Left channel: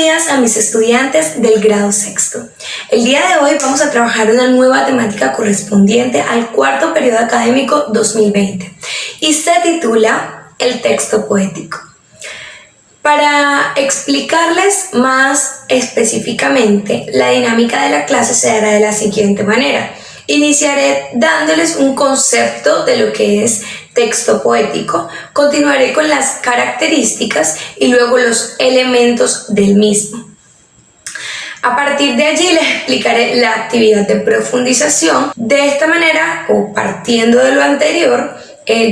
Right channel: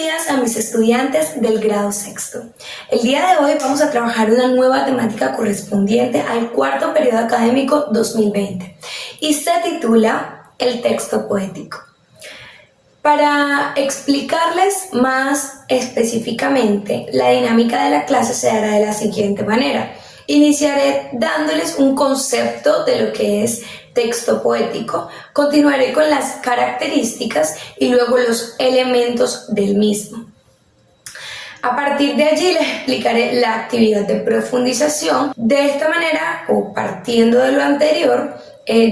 días a mis estudiantes del grado sexto. El día de hoy vamos a trabajar una nueva temática correspondiente al cuarto periodo académico 2020 y se titula El texto poético. Para explicarles más específicamente, la dinámica de la clase se hará de la siguiente manera. Iniciaré dándoles un concepto de lo que es texto poético, continuaré con las características y luego los elementos del mismo. A partir de allí les explicaré la actividad de profundización. De esta manera, o partiendo de lo anterior,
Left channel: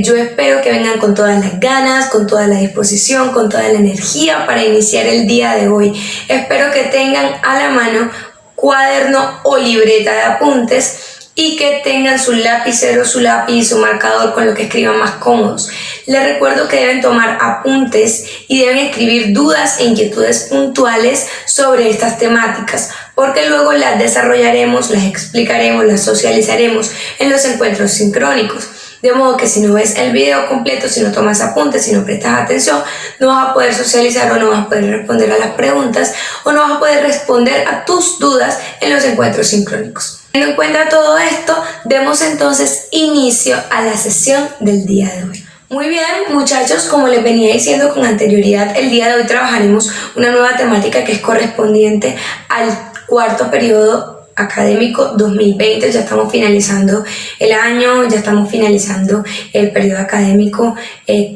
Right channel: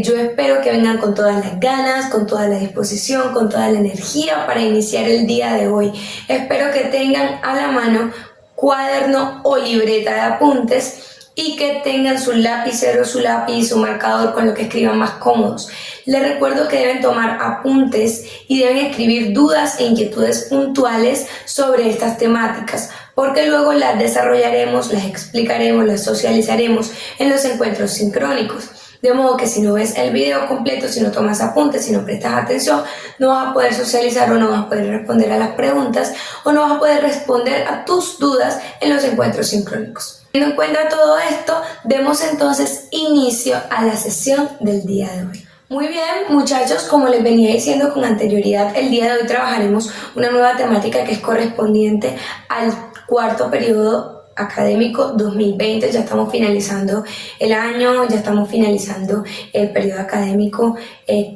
yo espero que vengan con todas las ganas, con toda la disposición, con toda la energía para iniciar el día de hoy. Espero que tengan a la mano cuaderno o libreta de apuntes y que tengan su lapicero, su lápiz y su marcador con lo que escriban más cómodos. Les recuerdo que deben tomar apuntes y deben escribir dudas e inquietudes puntuales sobre estas temáticas, porque luego las desarrollaremos, las explicaremos, las socializaremos en los encuentros sincrónicos. De modo que si no ves el video completo, si no tomas apuntes, si no prestas atención, no vas a poder socializar o no vas a poder responder a las preguntas o no vas a poder responder a tus dudas en los encuentros sincrónicos. Teniendo en cuenta todo esto, demos entonces inicio a la sesión del día de hoy. Muy bien, muchachos, como les venía diciendo con anterioridad, el día de hoy trabajaremos una nueva temática que es correspondiente al cuarto periodo académico 2020. Ya estamos finalizando el año, ya estamos finalizando el periodo académico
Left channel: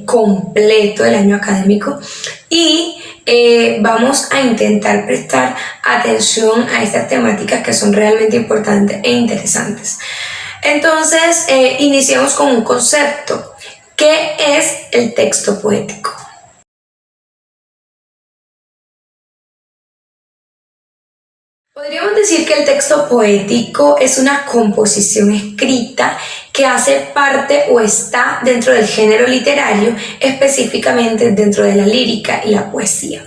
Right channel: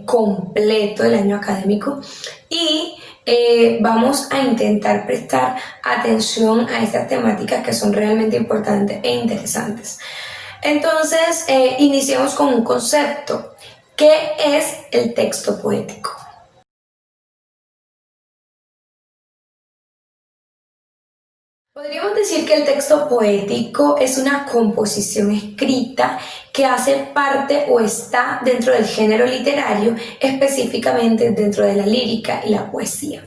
completo, el año académico, y vamos a intentar prestar atención a estas temáticas que son realmente importantes e interesantes. Entonces, iniciamos con un concepto. ¿Qué es el texto poético? Podríamos decir que el texto poético es una composición escrita que hace parte o está dentro del género literario, específicamente dentro de la lírica y la poesía.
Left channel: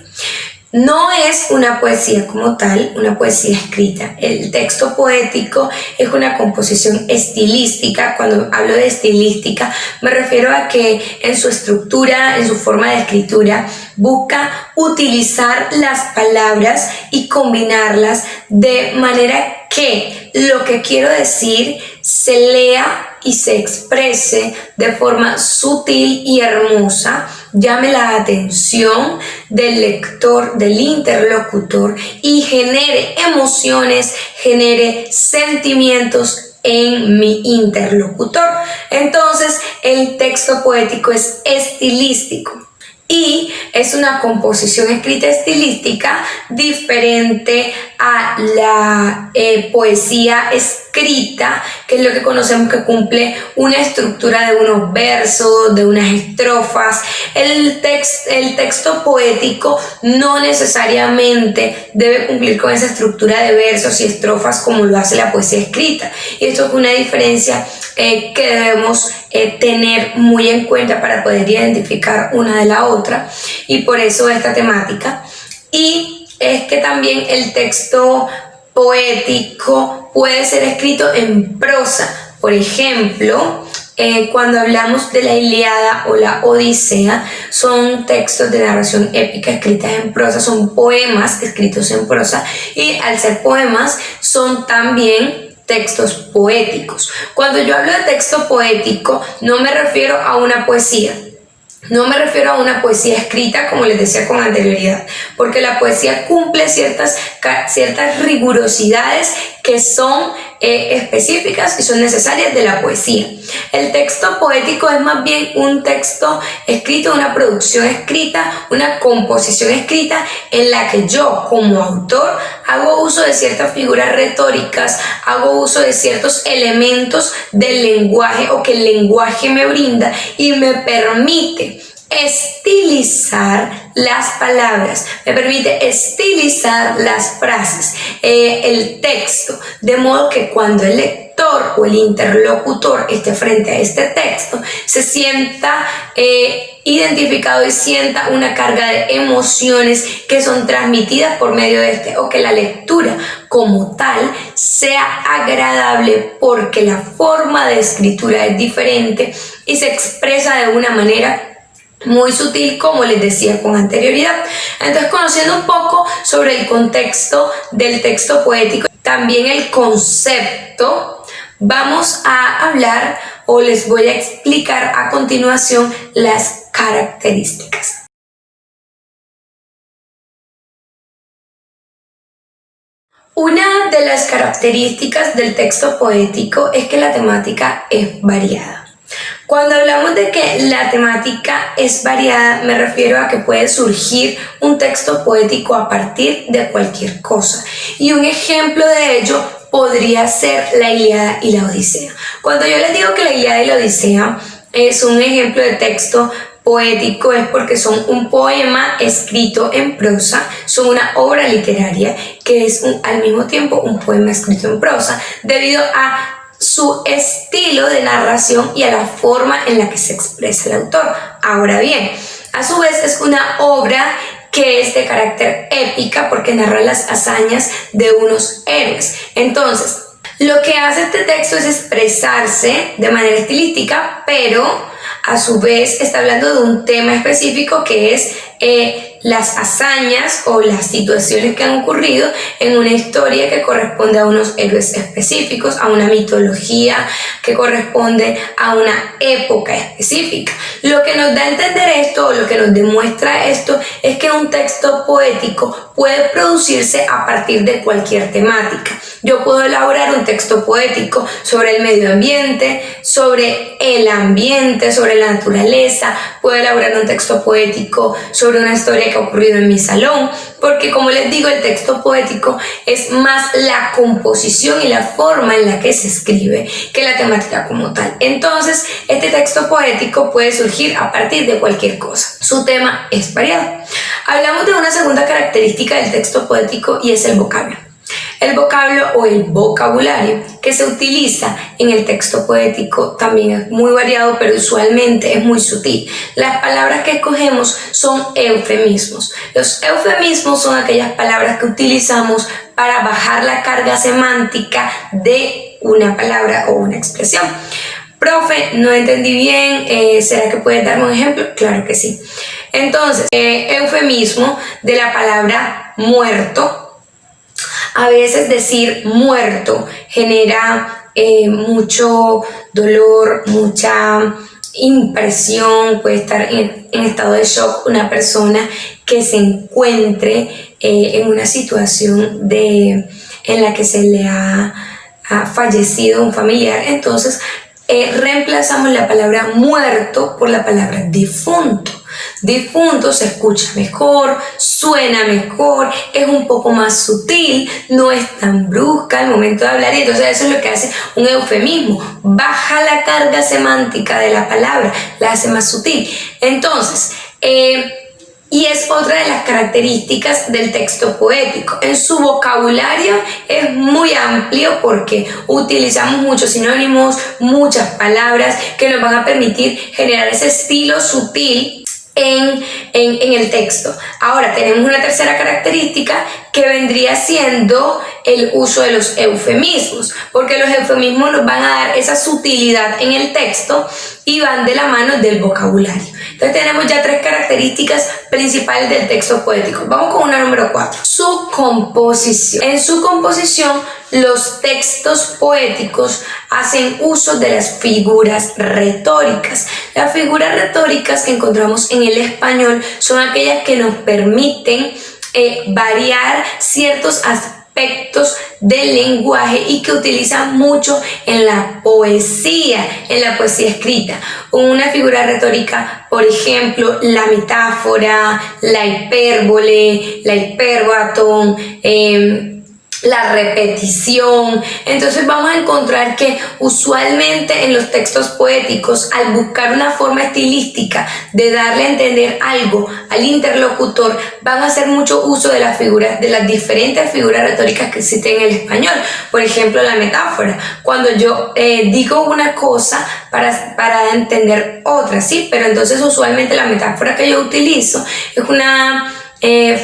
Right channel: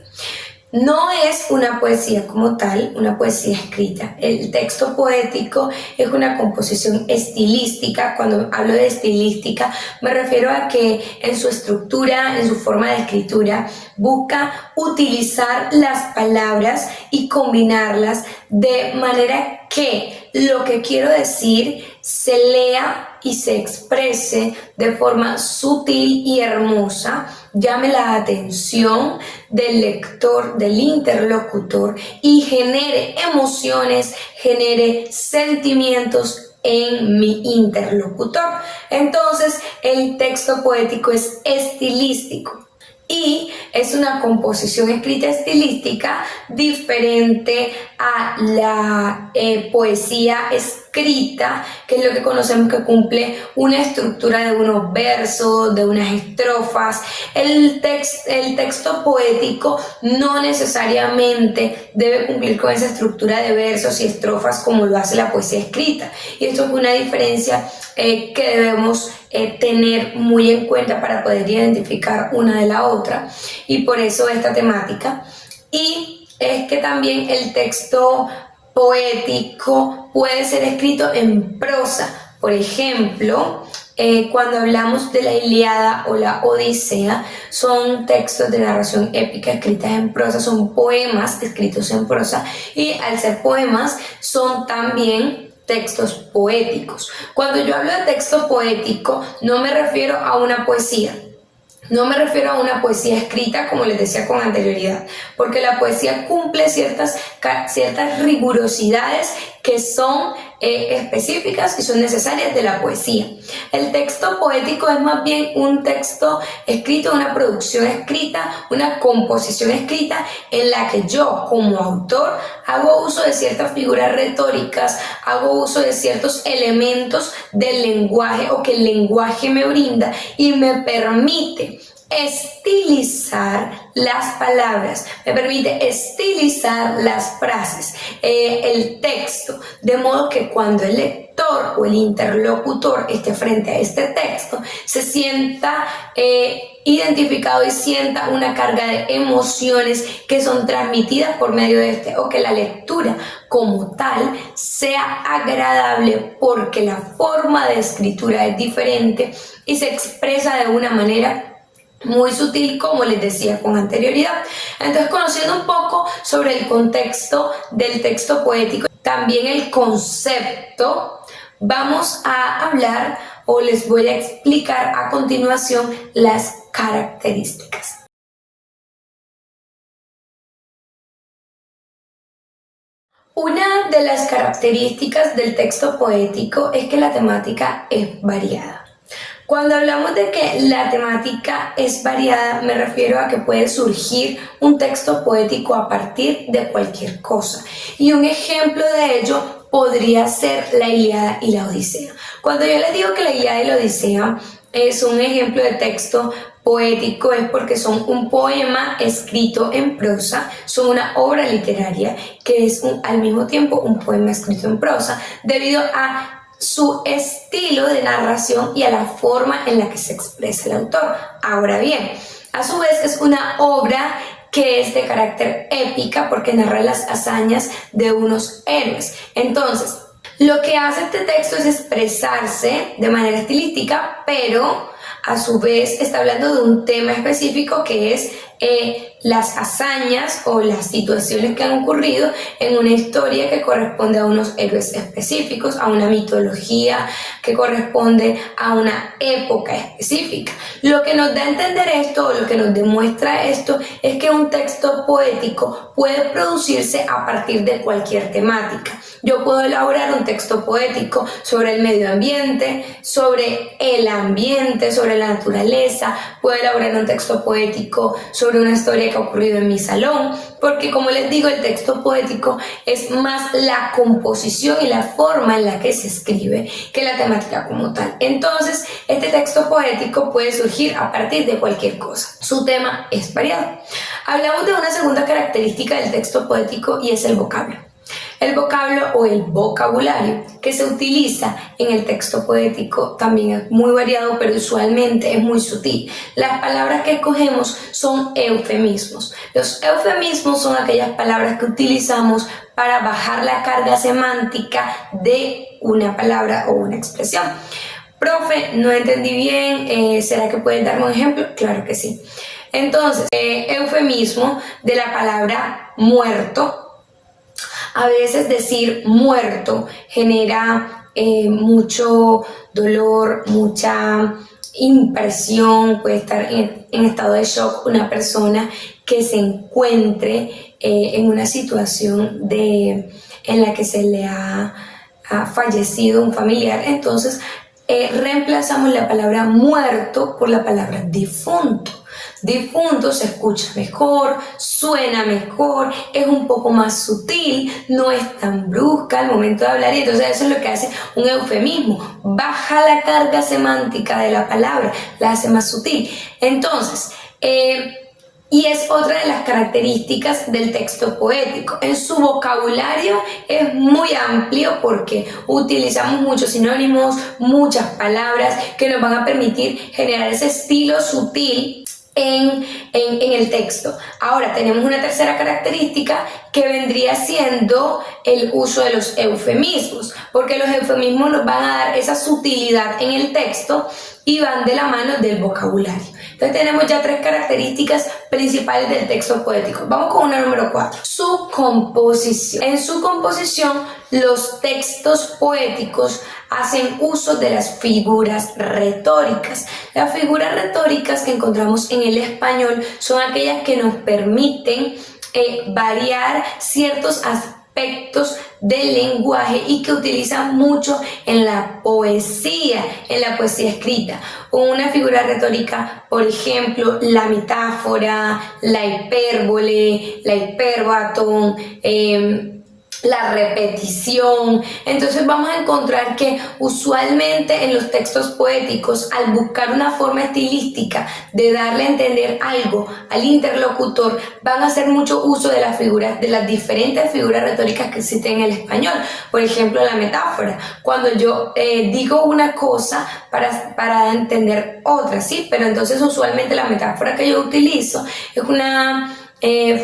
No es una poesía como tal, una poesía escrita. El texto poético es una composición estilística. Cuando hablo de estilística, me refiero a que en su estructura, en su forma de escritura, busca utilizar las palabras y combinarlas de manera que lo que quiero decir se lea y se exprese de forma sutil y hermosa, llame la atención del lector, del interlocutor, y genere emociones, genere sentimientos en mi interlocutor. Entonces, el texto poético es estilístico y es una composición escrita estilística diferente a la poesía escrita, que es lo que conocemos que cumple una estructura de unos versos, de unas estrofas. El texto poético no necesariamente debe cumplir con esa estructura de versos y estrofas como lo hace la poesía escrita, y esto es una diferencia que debemos tener muy en cuenta para poder identificar una de la otra, y por eso esta temática. Y es que también el texto poético puede ser escrito en prosa. Por ejemplo, cuando hablamos de la Ilíada o la Odisea, son textos de narración épica escritas en prosa, son poemas escritos en prosa, y al ser poemas son también textos poéticos. Cuando yo hablo de texto poético, no me refiero a una poesía. No me refiero a una poesía escrita, como les decía con anterioridad, porque la poesía cumple ciertas rigurosidades que son específicas y son necesarias de la poesía. El texto poético es más bien un texto escrito, una producción escrita, una composición escrita en la que yo, como autor, hago uso de ciertas figuras retóricas, hago uso de ciertos elementos del lenguaje o que el lenguaje me brinda y me permite estilizar las palabras, me permite estilizar las frases, el texto, de modo que cuando el lector o el interlocutor esté frente a este texto se sienta identificado y sienta una carga de emociones que son transmitidas por medio de este, o que la lectura como tal sea agradable porque la forma de escritura es diferente y se expresa de una manera muy sutil, como les decía con anterioridad. Entonces, conociendo un poco sobre el contexto del texto poético, también el concepto, vamos a hablar o les voy a explicar a continuación las características. Una de las características del texto poético es que la temática es variada. Cuando hablamos de que la temática es variada, me refiero a que puede surgir un texto poético a partir de cualquier cosa. Y un ejemplo de ello podría ser la Ilíada y la Odisea. Cuando yo les digo que la Ilíada y la Odisea es un ejemplo de texto poético, es porque son un poema escrito en prosa, son una obra literaria que es al mismo tiempo un poema escrito en prosa, debido a su estilo de narración y a la forma en la que se expresa el autor. Ahora bien, a su vez es una obra que es de carácter épica porque narra las hazañas de unos héroes. Entonces, lo que hace este texto es expresarse de manera estilística, pero a su vez está hablando de un tema específico que es las hazañas o las situaciones que han ocurrido en una historia que corresponde a unos héroes específicos, a una mitología que corresponde a una época específica. Lo que nos da a entender esto, o lo que nos demuestra esto, es que un texto poético puede producirse a partir de cualquier temática. Yo puedo elaborar un texto poético sobre el medio ambiente, sobre el ambiente, sobre la naturaleza. Puedo elaborar un texto poético sobre una historia que ha ocurrido en mi salón, porque como les digo, el texto poético es más la composición y la forma en la que se escribe que la temática como tal. Entonces, este texto poético puede surgir a partir de cualquier cosa. Su tema es variado. Hablamos de una segunda característica del texto poético y es el vocablo. El vocablo o el vocabulario que se utiliza en el texto poético también es muy variado, pero usualmente es muy sutil. Las palabras que escogemos son eufemismos. Los eufemismos son aquellas palabras que utilizamos para bajar la carga semántica de una palabra o una expresión. Profe, no entendí bien, ¿será que puedes darme un ejemplo? Claro que sí. Entonces, eufemismo de la palabra muerto. A veces decir muerto genera mucho dolor, mucha impresión, puede estar en estado de shock una persona que se encuentre en una situación en la que se le ha fallecido un familiar. Entonces reemplazamos la palabra muerto por la palabra difunto. Difunto se escucha mejor, suena mejor, es un poco más sutil, no es tan brusca al momento de hablar, y entonces eso es lo que hace un eufemismo, baja la carga semántica de la palabra, la hace más sutil. Entonces, y es otra de las características del texto poético. En su vocabulario es muy amplio porque utilizamos muchos sinónimos, muchas palabras que nos van a permitir generar ese estilo sutil en el texto. Ahora tenemos una tercera característica que vendría siendo el uso de los eufemismos, porque los eufemismos nos van a dar esa sutilidad en el texto y van de la mano del vocabulario. Entonces tenemos ya tres características principales del texto poético. Vamos con una número 4. Su composición. En su composición, los textos poéticos hacen uso de las figuras retóricas. Las figuras retóricas que encontramos en el español son aquellas que nos permiten variar ciertos aspectos del lenguaje y que utilizan mucho en la poesía escrita. Una figura retórica, por ejemplo, la metáfora, la hipérbole, la hipérbaton, la repetición. Entonces vamos a encontrar que usualmente en los textos poéticos, al buscar una forma estilística de darle a entender algo al interlocutor, van a hacer mucho uso de las figuras, de las diferentes figuras retóricas que existen en el español. Por ejemplo, la metáfora, cuando yo digo una cosa para entender otra, ¿sí? Pero entonces usualmente la metáfora que yo utilizo es una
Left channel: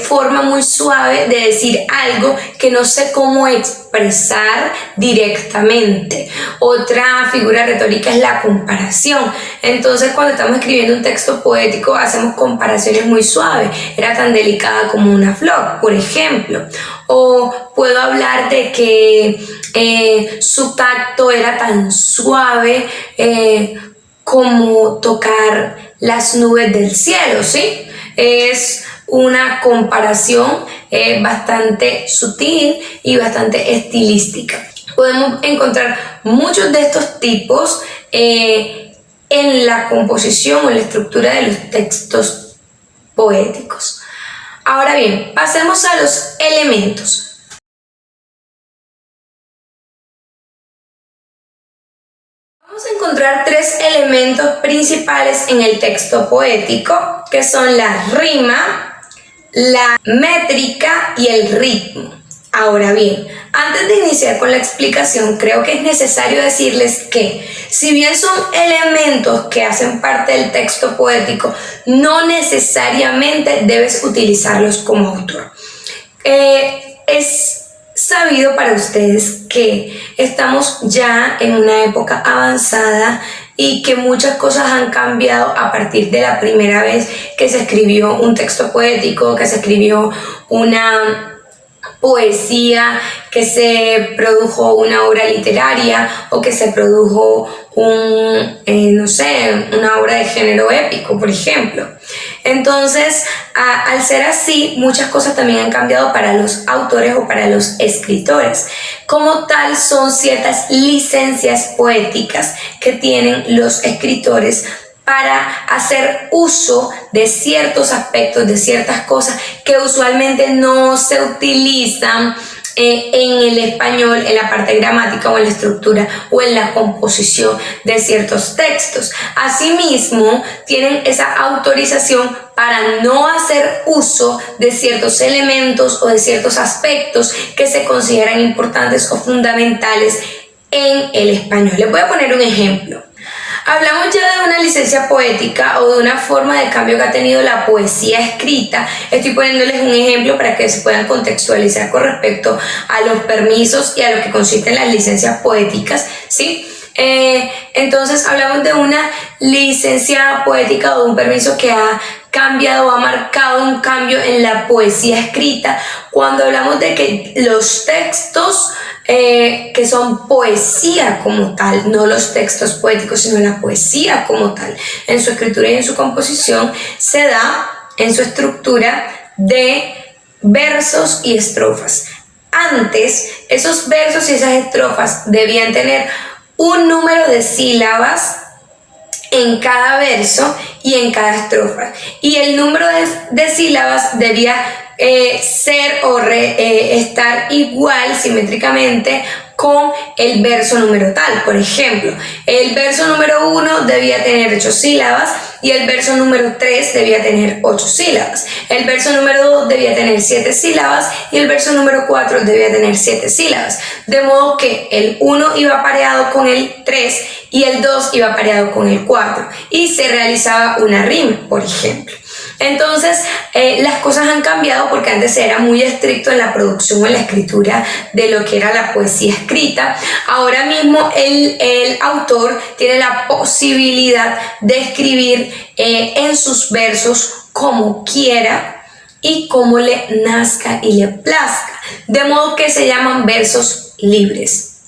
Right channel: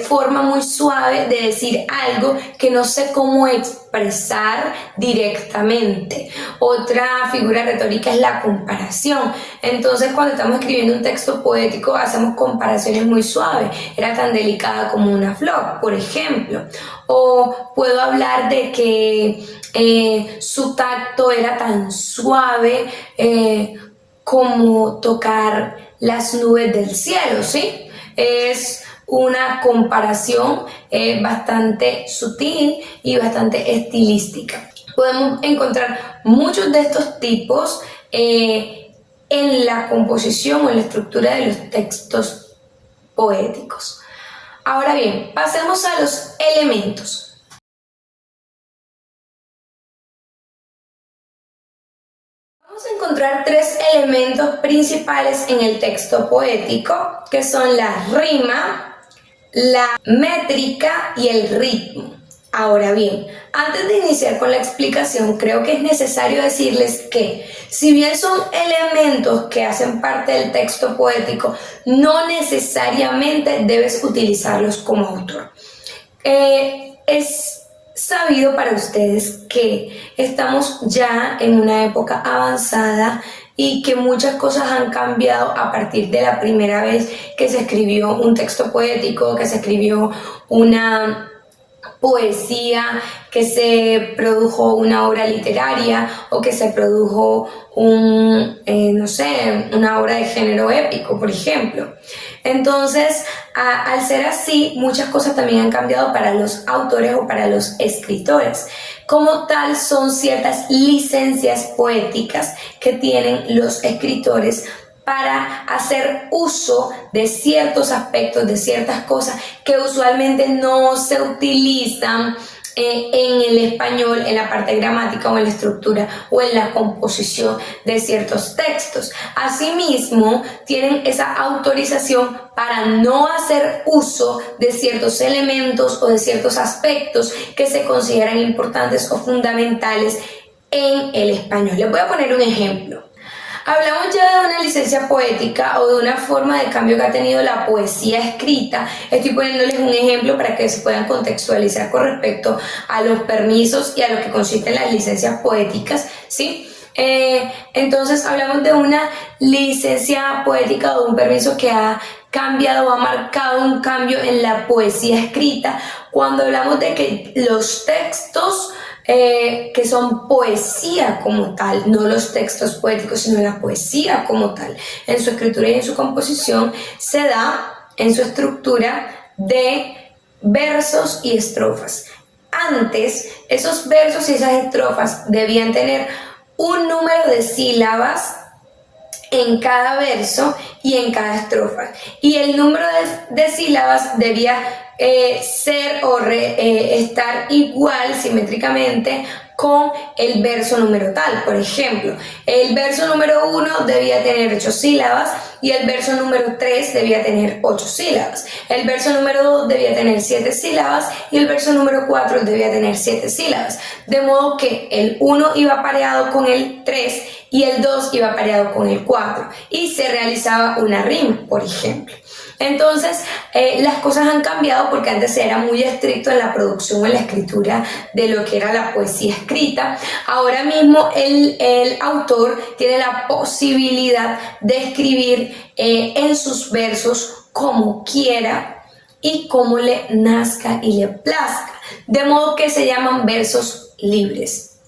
forma muy suave de decir algo que no sé cómo expresar directamente. Otra figura retórica es la comparación. Entonces, cuando estamos escribiendo un texto poético, hacemos comparaciones muy suaves. Era tan delicada como una flor, por ejemplo. O puedo hablar de que su tacto era tan suave como tocar las nubes del cielo, ¿sí? Es una comparación bastante sutil y bastante estilística. Podemos encontrar muchos de estos tipos en la composición o en la estructura de los textos poéticos. Ahora bien, pasemos a los elementos. Vamos a encontrar tres elementos principales en el texto poético, que son la rima, la métrica y el ritmo. Ahora bien, antes de iniciar con la explicación, creo que es necesario decirles que, si bien son elementos que hacen parte del texto poético, no necesariamente debes utilizarlos como autor. Es sabido para ustedes que estamos ya en una época avanzada y que muchas cosas han cambiado a partir de la primera vez que se escribió un texto poético, que se escribió una poesía, que se produjo una obra literaria o que se produjo una obra de género épico, por ejemplo. Entonces, al ser así, muchas cosas también han cambiado para los autores o para los escritores. Como tal, son ciertas licencias poéticas que tienen los escritores para hacer uso de ciertos aspectos, de ciertas cosas que usualmente no se utilizan en el español, en la parte gramática o en la estructura o en la composición de ciertos textos. Asimismo, tienen esa autorización para no hacer uso de ciertos elementos o de ciertos aspectos que se consideran importantes o fundamentales en el español. Les voy a poner un ejemplo. Hablamos ya de una licencia poética o de una forma de cambio que ha tenido la poesía escrita. Estoy poniéndoles un ejemplo para que se puedan contextualizar con respecto a los permisos y a lo que consisten las licencias poéticas, ¿sí? Entonces hablamos de una licencia poética o un permiso que ha cambiado, ha marcado un cambio en la poesía escrita cuando hablamos de que los textos que son poesía como tal, no los textos poéticos, sino la poesía como tal, en su escritura y en su composición, se da en su estructura de versos y estrofas. Antes, esos versos y esas estrofas debían tener un número de sílabas en cada verso y en cada estrofa, y el número de sílabas debía ser o estar igual simétricamente con el verso número tal. Por ejemplo, el verso número 1 debía tener 8 sílabas y el verso número 3 debía tener 8 sílabas. El verso número 2 debía tener 7 sílabas y el verso número 4 debía tener 7 sílabas. De modo que el 1 iba pareado con el 3 y el 2 iba pareado con el 4 y se realizaba una rima, por ejemplo. Entonces, las cosas han cambiado porque antes era muy estricto en la producción o en la escritura de lo que era la poesía escrita. Ahora mismo el autor tiene la posibilidad de escribir en sus versos como quiera y como le nazca y le plazca, de modo que se llaman versos libres.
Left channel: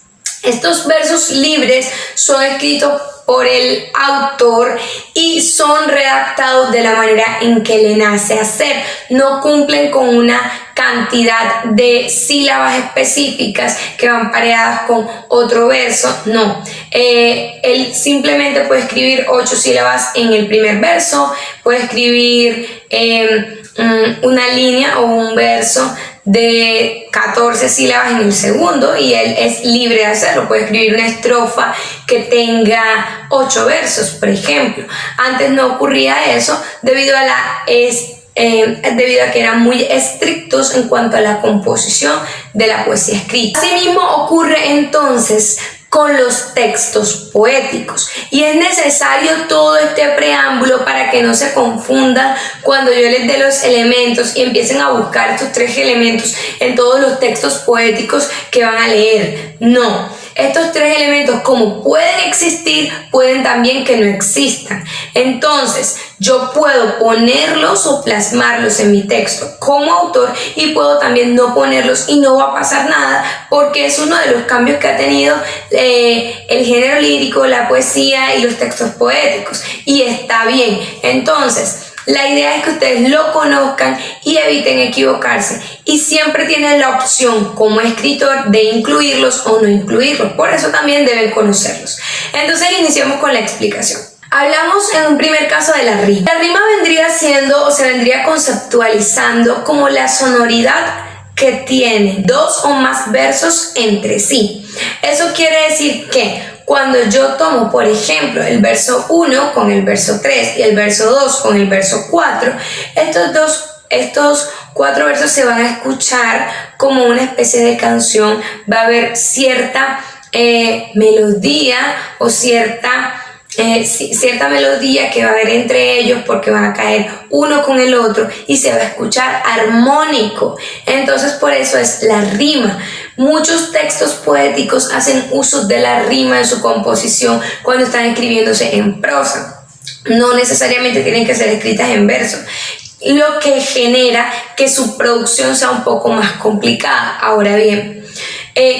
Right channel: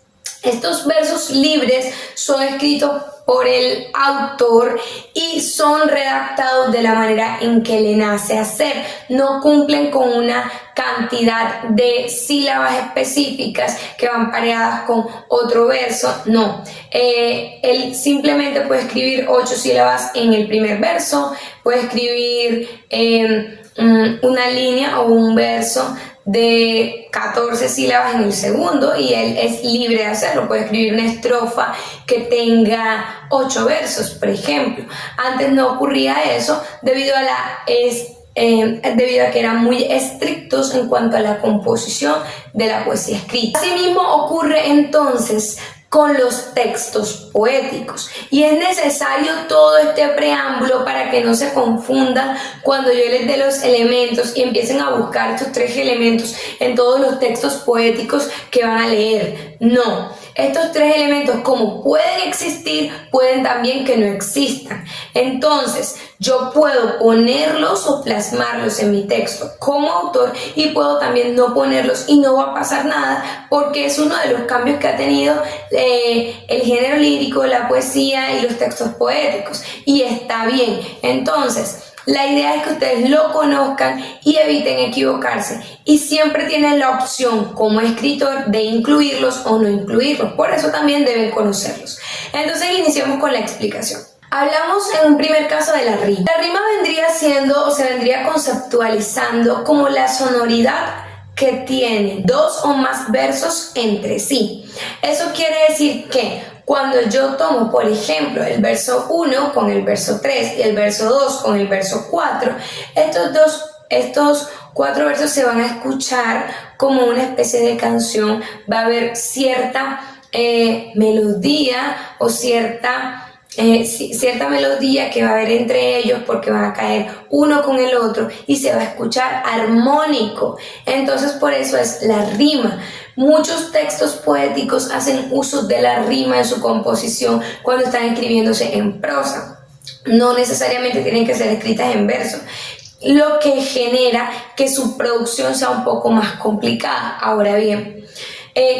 Estos versos libres son escritos por el autor y son redactados de la manera en que le nace hacer. No cumplen con una cantidad de sílabas específicas que van pareadas con otro verso, no. Él simplemente puede escribir 8 sílabas en el primer verso, puede escribir una línea o un verso de 14 sílabas en el segundo y él es libre de hacerlo. Puede escribir una estrofa que tenga 8 versos, por ejemplo. Antes no ocurría eso debido a que eran muy estrictos en cuanto a la composición de la poesía escrita. Asimismo ocurre entonces con los textos poéticos. Y es necesario todo este preámbulo para que no se confundan cuando yo les dé los elementos y empiecen a buscar estos 3 elementos en todos los textos poéticos que van a leer. No, estos 3 elementos, como pueden existir, pueden también que no existan. Entonces, yo puedo ponerlos o plasmarlos en mi texto como autor y puedo también no ponerlos y no va a pasar nada, porque es uno de los cambios que ha tenido el género lírico, la poesía y los textos poéticos, y está bien. Entonces, la idea es que ustedes lo conozcan y eviten equivocarse, y siempre tienen la opción como escritor de incluirlos o no incluirlos, por eso también deben conocerlos. Entonces iniciamos con la explicación. Hablamos en un primer caso de la rima. La rima vendría siendo o se vendría conceptualizando como la sonoridad que tiene 2 o más versos entre sí. Eso quiere decir que cuando yo tomo, por ejemplo, el verso 1 con el verso 3 y el verso 2 con el verso 4, estos 4 versos se van a escuchar como una especie de canción. Va a haber cierta melodía o cierta melodía que va a haber entre ellos, porque van a caer uno con el otro y se va a escuchar armónico. Entonces por eso es la rima. Muchos textos poéticos hacen uso de la rima en su composición cuando están escribiéndose en prosa. No necesariamente tienen que ser escritas en verso, lo que genera que su producción sea un poco más complicada. Ahora bien,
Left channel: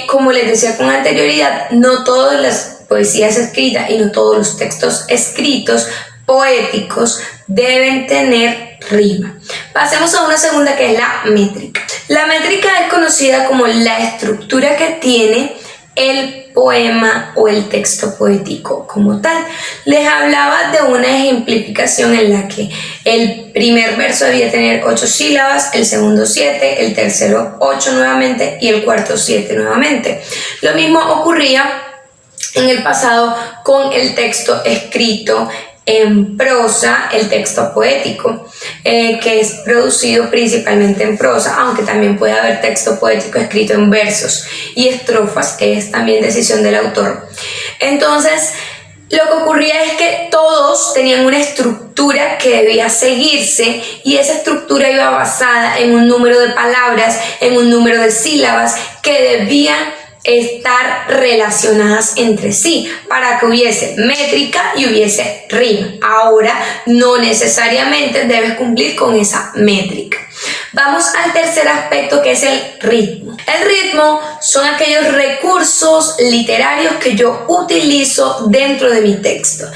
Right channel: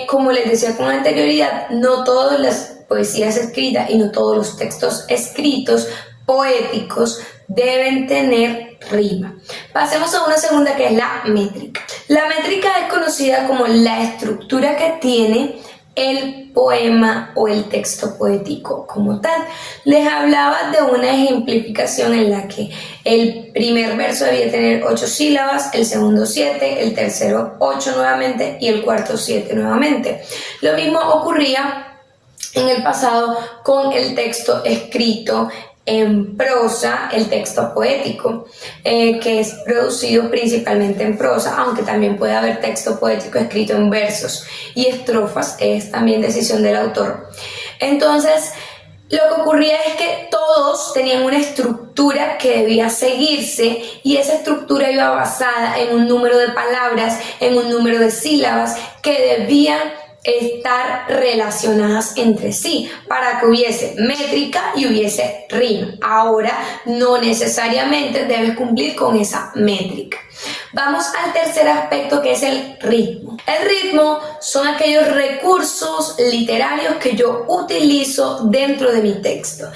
como les decía con anterioridad, no todas las poesías escritas y no todos los textos escritos poéticos deben tener rima. Pasemos a una segunda, que es la métrica. La métrica es conocida como la estructura que tiene el poema o el texto poético como tal. Les hablaba de una ejemplificación en la que el primer verso debía tener 8 sílabas, el segundo 7, el tercero 8 nuevamente y el cuarto 7 nuevamente. Lo mismo ocurría en el pasado con el texto escrito en prosa, el texto poético, que es producido principalmente en prosa, aunque también puede haber texto poético escrito en versos y estrofas, que es también decisión del autor. Entonces, lo que ocurría es que todos tenían una estructura que debía seguirse, y esa estructura iba basada en un número de palabras, en un número de sílabas que debían estar relacionadas entre sí para que hubiese métrica y hubiese rima. Ahora no necesariamente debes cumplir con esa métrica. Vamos al tercer aspecto, que es el ritmo. El ritmo son aquellos recursos literarios que yo utilizo dentro de mi texto.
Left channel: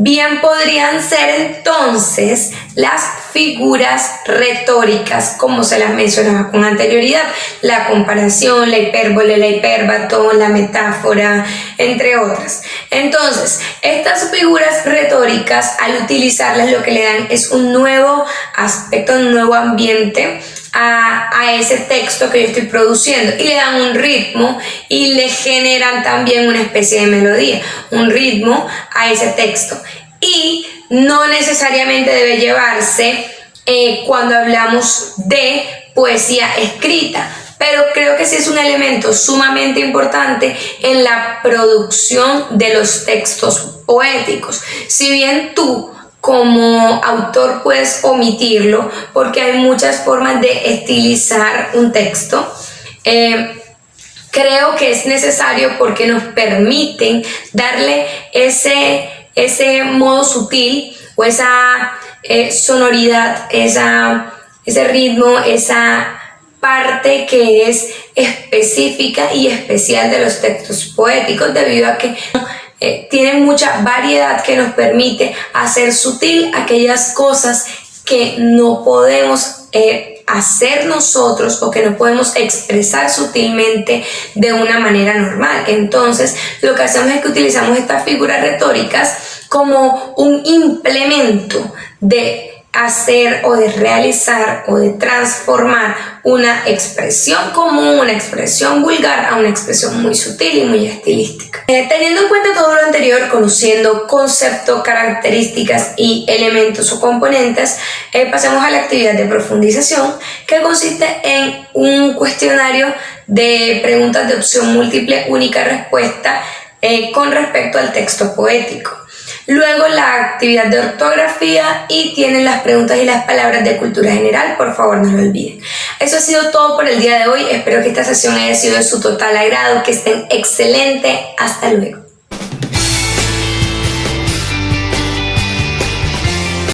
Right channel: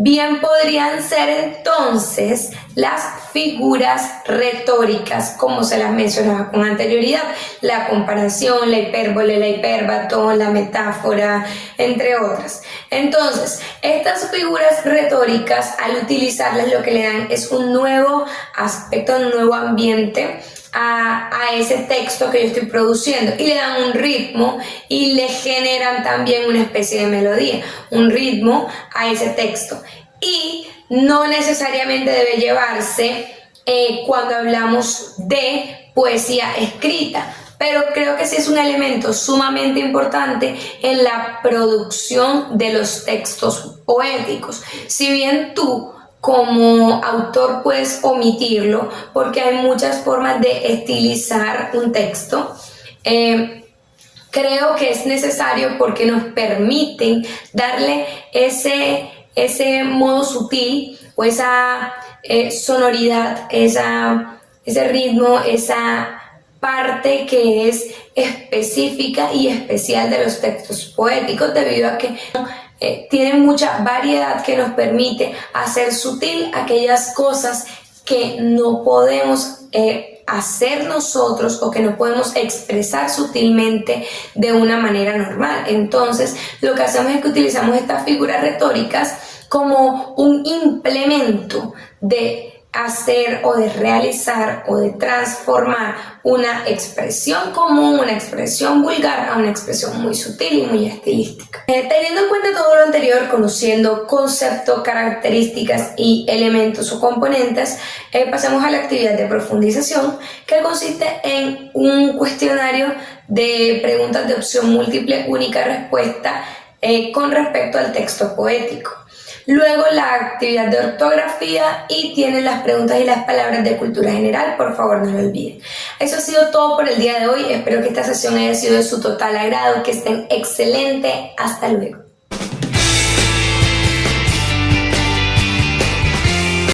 Bien podrían ser entonces las figuras retóricas, como se las mencionaba con anterioridad: la comparación, la hipérbole, la hipérbato, la metáfora, entre otras. Entonces, estas figuras retóricas, al utilizarlas, lo que le dan es un nuevo aspecto, un nuevo ambiente a ese texto que yo estoy produciendo, y le dan un ritmo y le generan también una especie de melodía, un ritmo a ese texto. Y no necesariamente debe llevarse cuando hablamos de poesía escrita, pero creo que sí es un elemento sumamente importante en la producción de los textos poéticos. Si bien tú como autor puedes omitirlo, porque hay muchas formas de estilizar un texto, creo que es necesario, porque nos permiten darle ese modo sutil o esa sonoridad, ese ritmo, esa parte que es específica y especial de los textos poéticos, debido a que tienen mucha variedad que nos permite hacer sutil aquellas cosas que no podemos hacer nosotros, o que no podemos expresar sutilmente de una manera normal. Entonces, lo que hacemos es que utilizamos estas figuras retóricas como un implemento de hacer o de realizar o de transformar una expresión común, una expresión vulgar, a una expresión muy sutil y muy estilística. Teniendo en cuenta todo lo anterior, conociendo conceptos, características y elementos o componentes, pasemos a la actividad de profundización, que consiste en un cuestionario de preguntas de opción múltiple, única respuesta, con respecto al texto poético. Luego la actividad de ortografía y tienen las preguntas y las palabras de cultura general, por favor no lo olviden. Eso ha sido todo por el día de hoy, espero que esta sesión haya sido de su total agrado, que estén excelente, hasta luego.